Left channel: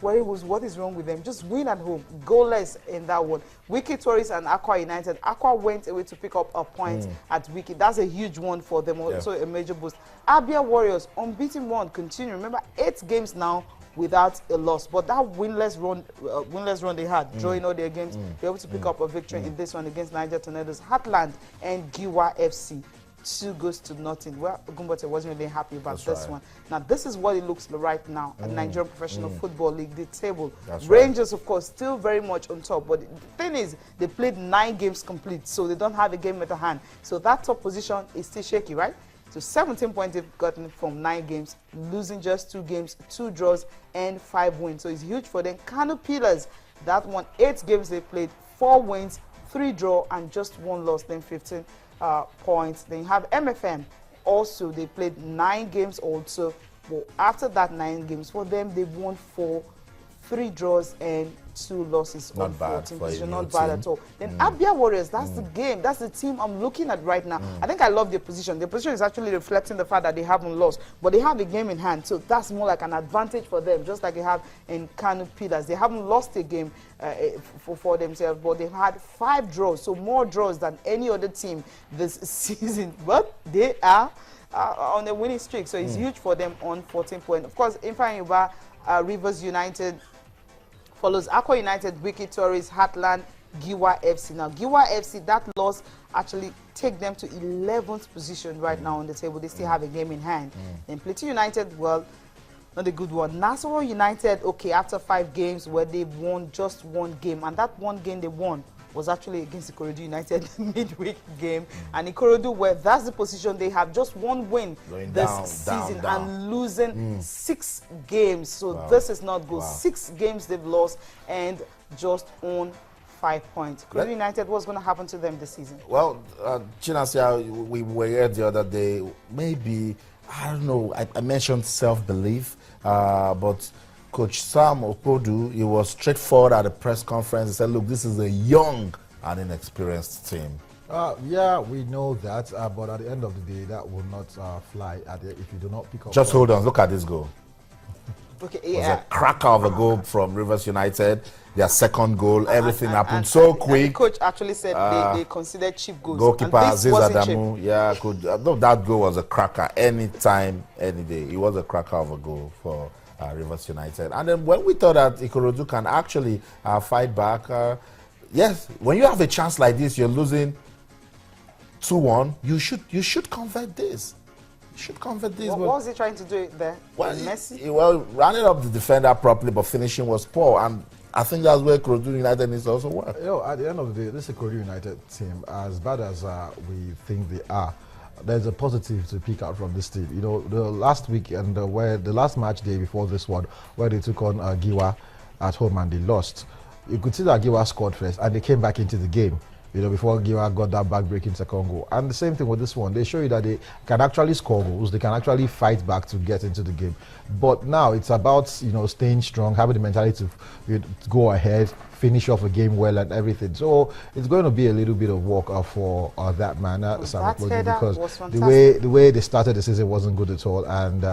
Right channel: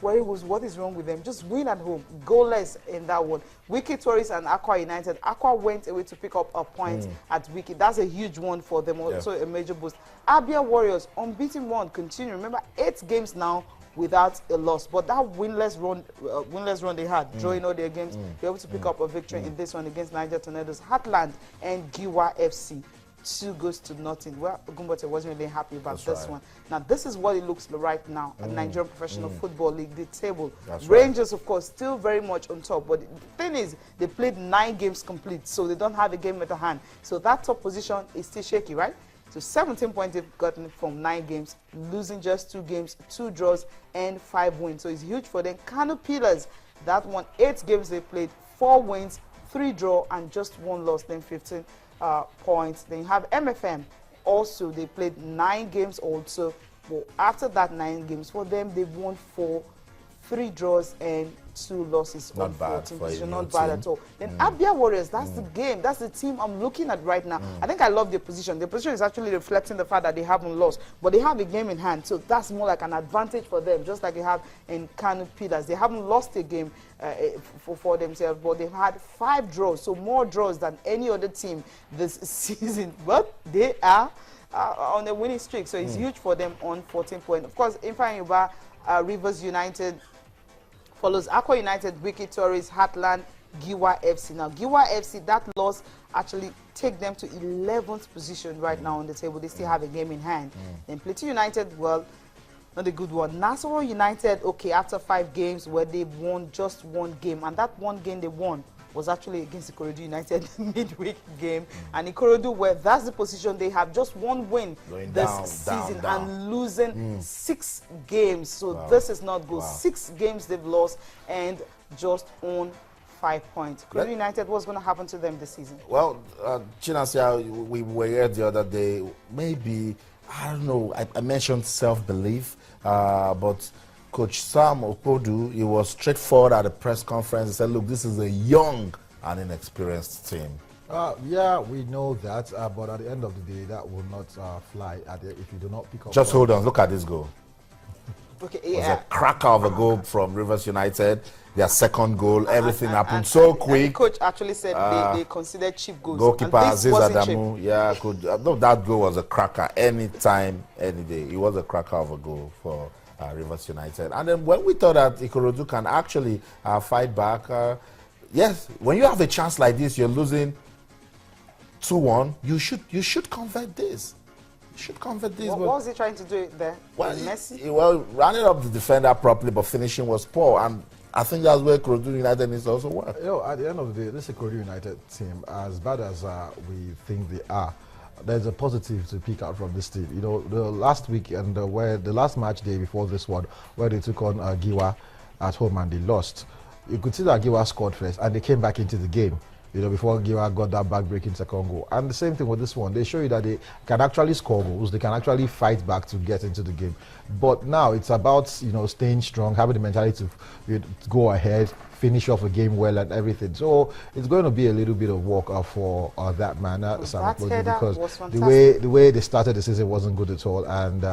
what is wrong with them? Just win at home, goalless in that one. Wiki Tourists and Aqua United. Aqua went away to pick up a point at Wiki. That's a huge one for them, also a major boost. Abia Warriors, unbeaten one, continue. Remember, 8 games now without a loss, but that winless run they had, drawing all their games, they're able to pick up a victory in this one against Niger Tornadoes. Heartland and Giwa FC. 2 goes to nothing. Well, Gumbote wasn't really happy about this one. Now, this is what it looks like right now at Nigerian Professional Football League, the table. Rangers, of course, still very much on top. But the thing is, they played 9 games complete, so they don't have a game at the hand. So that top position is still shaky, right? So 17 points they've gotten from 9 games, losing just 2 games, 2 draws, and 5 wins. So it's huge for them. Kano Pillars, that won 8 games they played, 4 wins, 3 draw, and just 1 loss, then 15 points. Then you have MFM. Also, they played 9 games also. But after that 9 games, for them, they've won 4, 3 draws, and 2 losses. Not bad. Not bad at all. Then Abia Warriors, that's the game. That's the team I'm looking at right now. I think I love their position. Their position is actually reflecting the fact that they haven't lost, but they have a game in hand. So that's more like an advantage for them, just like they have in Kano Pillars. They haven't lost a game for themselves, but they've had 5 draws, so more draws than any other team this season. But they are on a winning streak, so it's huge for them on 14 points. Of course, Ifeanyiba, Rivers United follows Aqua United, Wiki Tourists, Heartland, Giwa FC. Now, Giwa FC, that loss actually take them to 11th position right now on the table. They still have a game in hand. And Plateau United, well, not a good one. Nasarawa United, okay, after 5 games where they won just 1 game, and that 1 game they won was actually against Ikorodu United midweek game. And Ikorodu, where that's the position they have, just 1 win this season and losing 6 games. So this is not good. 6 games they've lost and just on 5 points. Ikorodu United, what's going to happen to them this season? Well, Chinasia, we were here the other day. Maybe, I don't know, I mentioned self-belief, but Coach Sam Opodu, he was straightforward at the press conference. He said, look, this is a young and inexperienced team. Yeah, we know that, but at the end of the day, that will not fly if you do not pick up. Just hold on, look at this goal. Okay, It was a cracker of a goal from Rivers United. Their second goal, everything happened so quick. The coach actually said they considered cheap goals. Goalkeeper Aziz Adamu, that goal was a cracker anytime, any day. It was a cracker of a goal for Rivers United. And then when we thought that Ikorodu can actually fight back, yes, when you have a chance like this, you're losing 2-1, you should convert this. You should convert this. What was he trying to do there? Well, Messi? running up the defender properly, but finishing was poor. And I think that's where Ikorodu United needs to also work. At the end of the day, this Ikorodu United team, as bad as we think they are, there's a positive to pick out from this team. You know, the last week and the last match day before this one, where they took on Giwa at home and they lost, you could see that Giwa scored first and they came back into the game, you know, before Giwa got that back-breaking second goal. And the same thing with this one. They show you that they can actually score goals. They can actually fight back to get into the game. But now it's about, you know, staying strong, having the mentality to go ahead, finish off a game well and everything. So it's going to be a little bit of work for that man, because the way they started the season wasn't good at all. And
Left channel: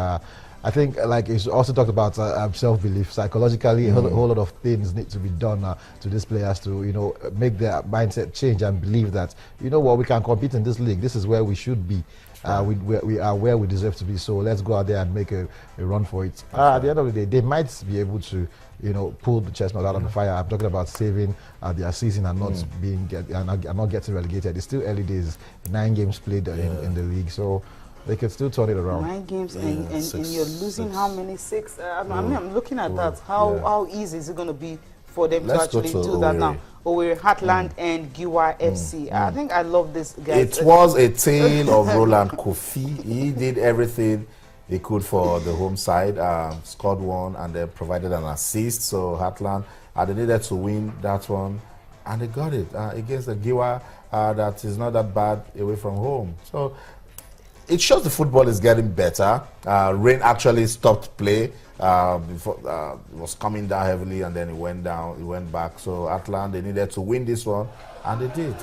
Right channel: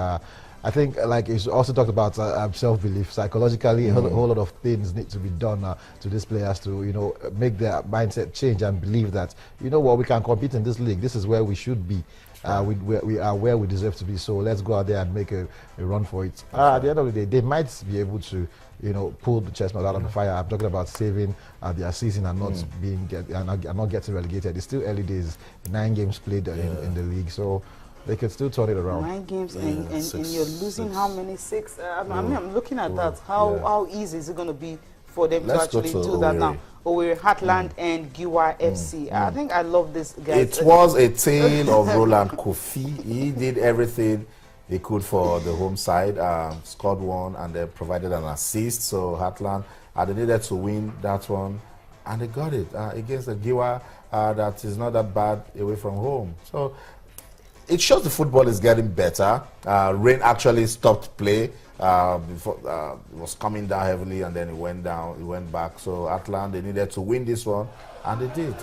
I think, like you also talked about self-belief. Psychologically, a whole lot of things need to be done to these players to, you know, make their mindset change and believe that, you know what, we can compete in this league. This is where we should be. We are where we deserve to be. So let's go out there and make a run for it. At the end of the day, they might be able to, you know, pull the chestnut out of the fire. I'm talking about saving their season and not getting relegated. It's still early days. 9 games played in the league, so they can still turn it around. 9 games and you're losing how many? 6? I'm looking at that. How easy is it going to be for them to actually do that now? Owerri, Heartland and Giwa FC. I think I love this guy. It was a tale of Roland Kofi. He did everything he could for the home side, scored 1 and then provided an assist. So Heartland, they needed to win that one, and they got it against the Giwa that is not that bad away from home. So it shows the football is getting better. Rain actually stopped play. Before it was coming down heavily, and then it went down. It went back. So Heartland, they needed to win this one, and they did.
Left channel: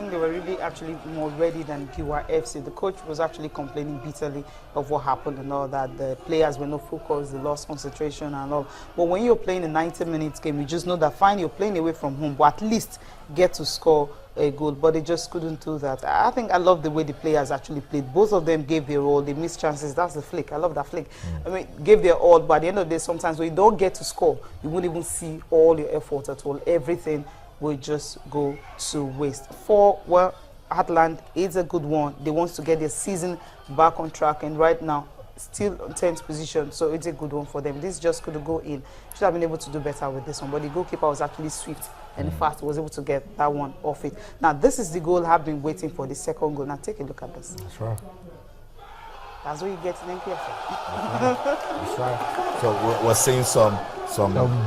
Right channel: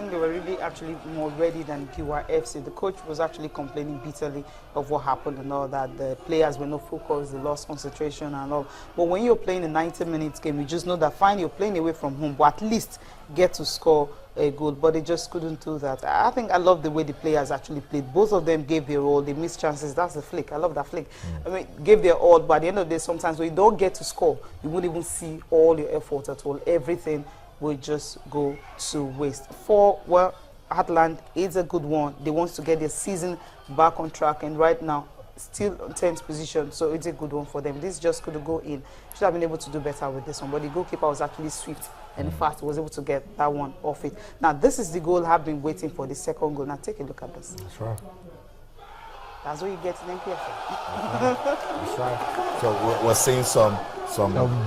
think they were really actually more ready than Giwa FC. The coach was actually complaining bitterly of what happened and all that. The players were not focused, they lost concentration and all. But when you're playing a 90-minute game, you just know that fine, you're playing away from home, but at least get to score a goal. But they just couldn't do that. I think I love the way the players actually played. Both of them gave their all. They missed chances. That's the flick. I love that flick. I mean, gave their all, but at the end of the day, sometimes when you don't get to score, you won't even see all your effort at all. Everything will just go to waste. Well, Heartland is a good one. They want to get their season back on track, and right now still in 10th position, so it's a good one for them. This just couldn't go in. Should have been able to do better with this one, but the goalkeeper was actually swift and fast, was able to get that one off it. Now this is the goal I've been waiting for, the second goal. Now take a look at this. That's right. That's what you get in NPFL. That's right. So we're seeing some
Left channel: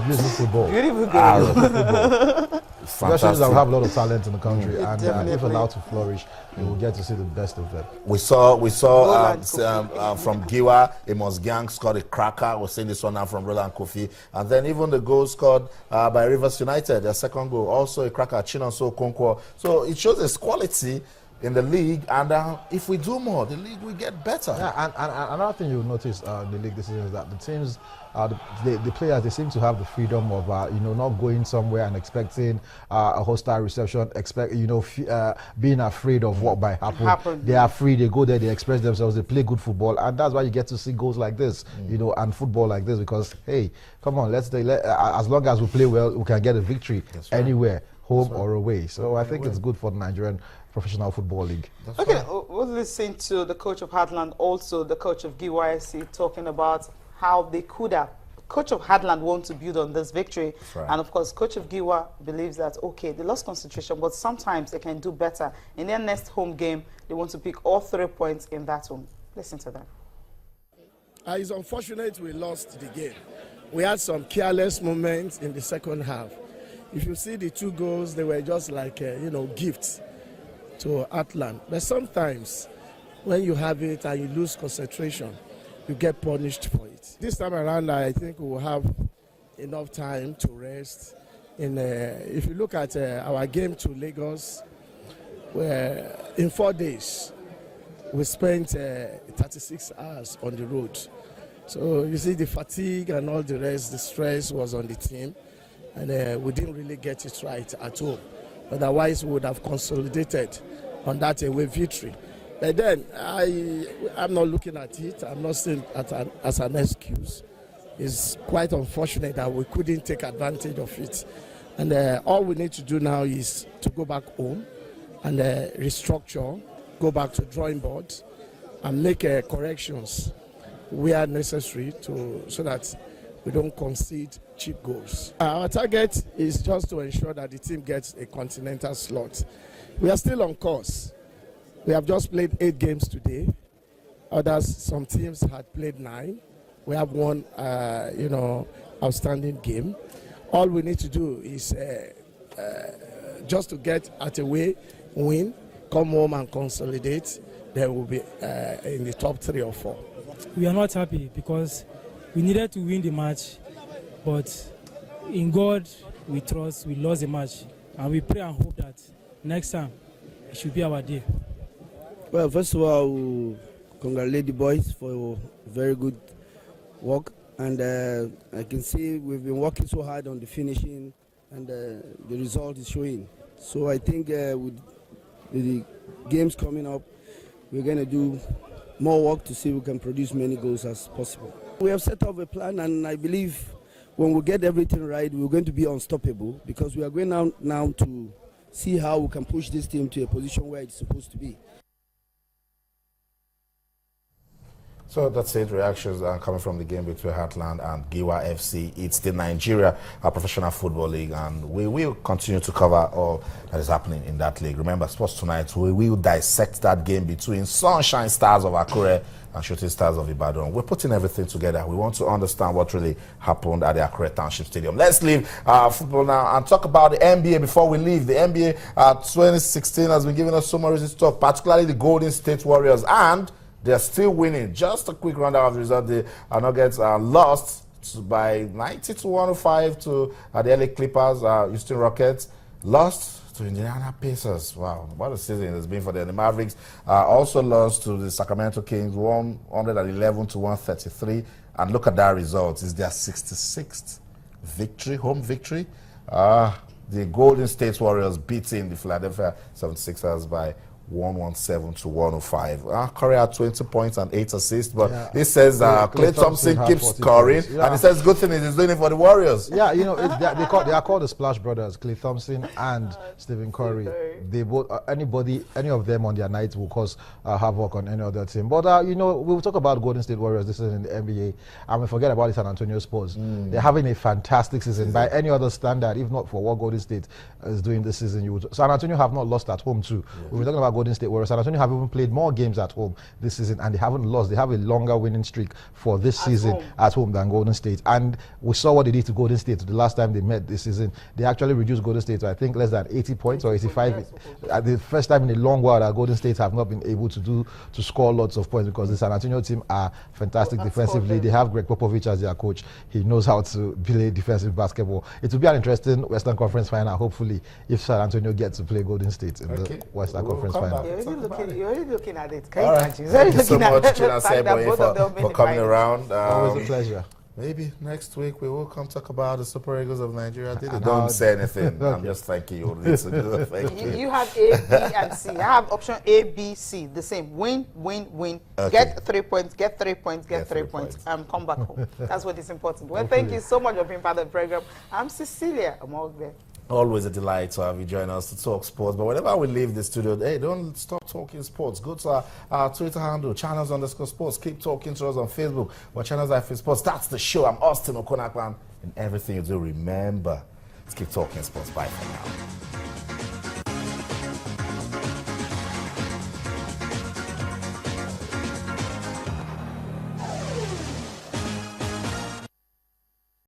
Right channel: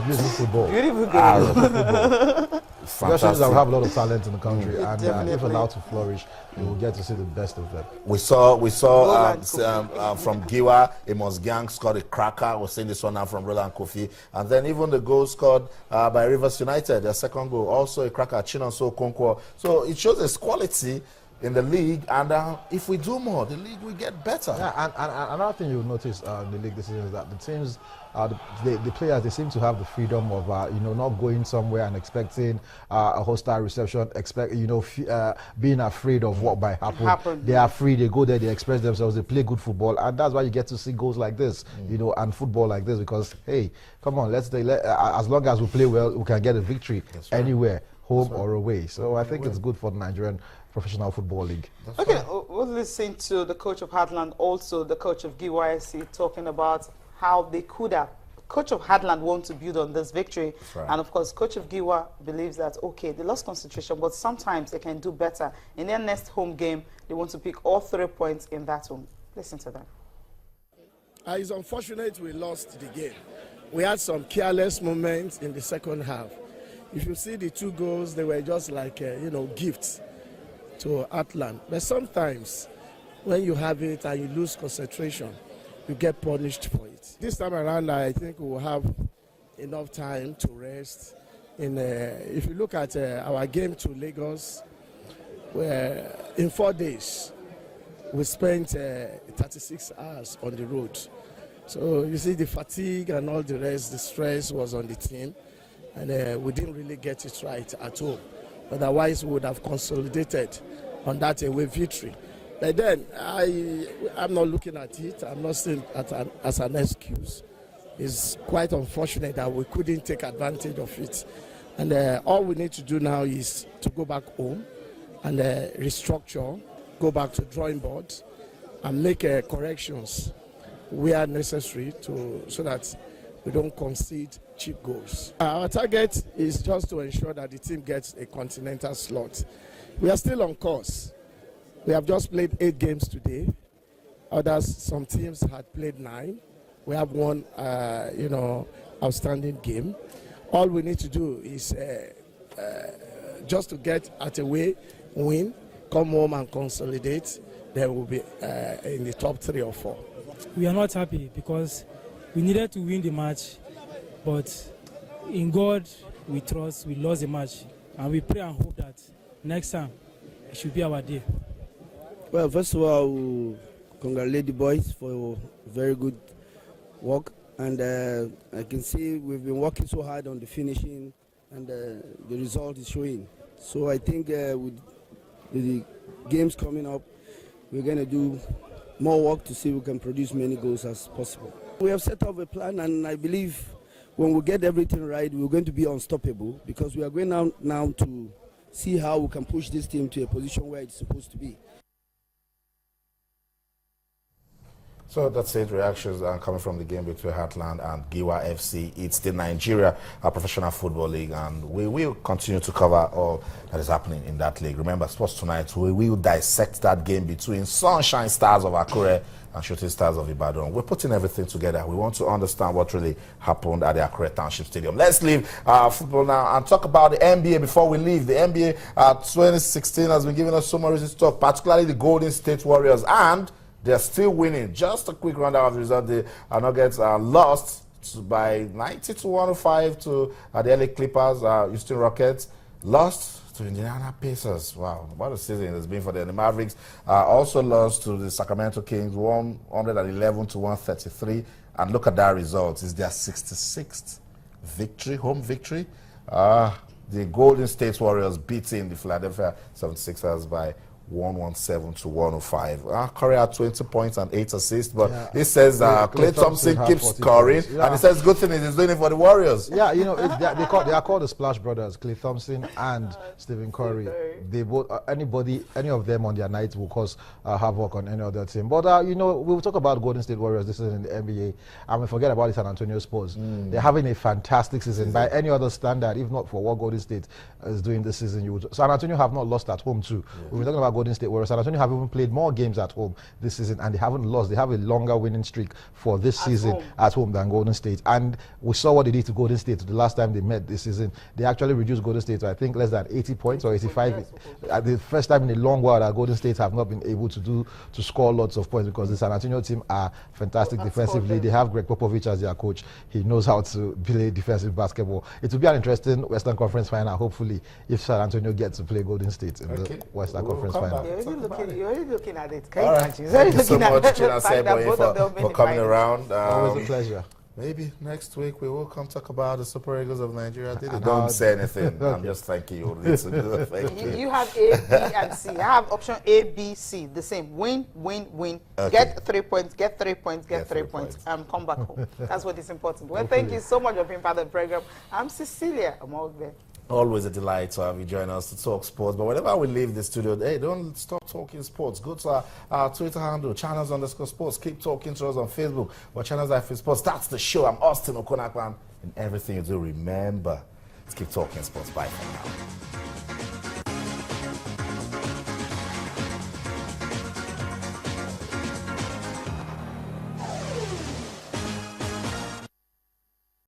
beautiful ball. Beautiful game. Especially that we have a lot of talent in the country, and if allowed to flourish, you will get to see the best of them. We saw from Giwa, Amos Gang scored a cracker. We're seeing this one now from Roland Kofi, and then even the goal scored by Rivers United, their second goal, also a cracker, Chinonso Okonkwo. So it shows its quality in the league, and if we do more, the league will get better. Yeah, and another thing you'll notice in the league this season is that the teams, the players, they seem to have the freedom of not going somewhere and expecting a hostile reception, being afraid of what might happen. They are free. They go there. They express themselves. They play good football, and that's why you get to see goals like this, and football like this. Because hey, come on, as long as we play well, we can get a victory anywhere, home or away. So I think it's good for the Nigerian Professional Football League. Okay, we'll listen to the coach of Heartland, also the coach of GYSC, talking about how they could have. Coach of Heartland wants to build on this victory, right. And of course, coach of Giwa believes that okay, they lost concentration, but sometimes they can do better. In their next home game, they want to pick all 3 points in that one. Listen to that. It's unfortunate we lost the game. We had some careless moments in the second half. If you see the 2 goals, they were just like gifts to Heartland. But sometimes when you have it and you lose concentration, you get punished for it. This time around, I think we will have enough time to rest. If you look at our game to Lagos, in 4 days, we spent 36 hours on the road. So you see the fatigue and all the rest, the stress was on the team, and we didn't really get it right at all. Otherwise, we would have consolidated on that away victory. But then, I'm not looking at it. I'm not seeing it as an excuse. It's quite unfortunate that we couldn't take advantage of it. And all we need to do now is to go back home and restructure, go back to drawing board, and make corrections where necessary so that we don't concede cheap goals. Our target is just to ensure that the team gets a continental slot. We are still on course. We have just played 8 games today. Some teams had played 9. We have one, outstanding game. All we need to do is just to get at a way, win, come home and consolidate. Then we'll be in the top 3 or 4. We are not happy because we needed to win the match, but in God we trust. We lost the match, and we pray and hope that next time it should be our day. Well, first of all, we congratulate the boys for very good work, and I can see we've been working so hard on the finishing, and the result is showing. So I think with the games coming up, we're going to do more work to see if we can produce many goals as possible. We have set up a plan, and I believe when we get everything right, we're going to be unstoppable, because we are going now to see how we can push this team to a position where it's supposed to be. So that's it. Reactions coming from the game between Heartland and Giwa FC. It's the Nigeria Professional Football League, and we will continue to cover all that is happening in that league. Remember, Sports Tonight, we will dissect that game between Sunshine Stars of Akure and Shooting Stars of Ibadan. We're putting everything together. We want to understand what really happened at the Akure Township Stadium. Let's leave football now and talk about the NBA before we leave. The NBA 2016 has been giving us so much reasons to talk, particularly the Golden State Warriors, and they're still winning. Just a quick rundown of the result. The Nuggets lost by 90 to 105 to the LA Clippers, Houston Rockets. lost to Indiana Pacers. Wow, what a season it has been for them. The Mavericks also lost to the Sacramento Kings, 111 to 133. And look at that result. It's their 66th victory, home victory. The Golden State Warriors beating the Philadelphia 76ers by 117 to 105. Curry had 20 points and 8 assists, but it says Klay Thompson keeps scoring, and it says good thing is he's doing it for the Warriors. Yeah, you know, they are called the Splash Brothers, Klay Thompson and Stephen Curry. They both, any of them on their night will cause havoc on any other team. But you know, we'll talk about Golden State Warriors this season in the NBA, and we forget about the San Antonio Spurs. They're having a fantastic season by any other standard, if not for what Golden State is doing this season. San Antonio have not lost at home too. We've been talking about Golden State Warriors. San Antonio have even played more games at home this season, and they haven't lost. They have a longer winning streak for this season at home than Golden State. And we saw what they did to Golden State the last time they met this season. They actually reduced Golden State to, I think, less than 80 points or 85. At the first time in a long while that Golden State have not been able to score lots of points, because the San Antonio team are fantastic defensively. They have Greg Popovich as their coach. He knows how to play defensive basketball. It will be an interesting Western Conference final, hopefully, if San Antonio gets to play Golden State in the Western Conference final. You're already looking at it. All right. Thank you so much, Chinasebo, for coming around. Always a pleasure. Maybe next week we will come talk about the Super Eagles of Nigeria. They don't say anything. Okay. I'm just thanking you. Thank you. You have A, B, and C. I have option A, B, C. The same. Win, win, win. Okay. Get 3 points. Get 3 points. Get 3 points. Come back home. That's what is important. Well, thank you so much for being part of the program. I'm Cecilia. I'm all there. Always a delight to have you join us to talk sports. But whenever we leave the studio, hey, don't stop talking sports. Go to our Twitter handle, channels_sports. Keep talking to us on Facebook or Channels IF Sports. That's the show. I'm Austin Okonakwan. And everything you do, remember, let's keep talking sports. Bye for now.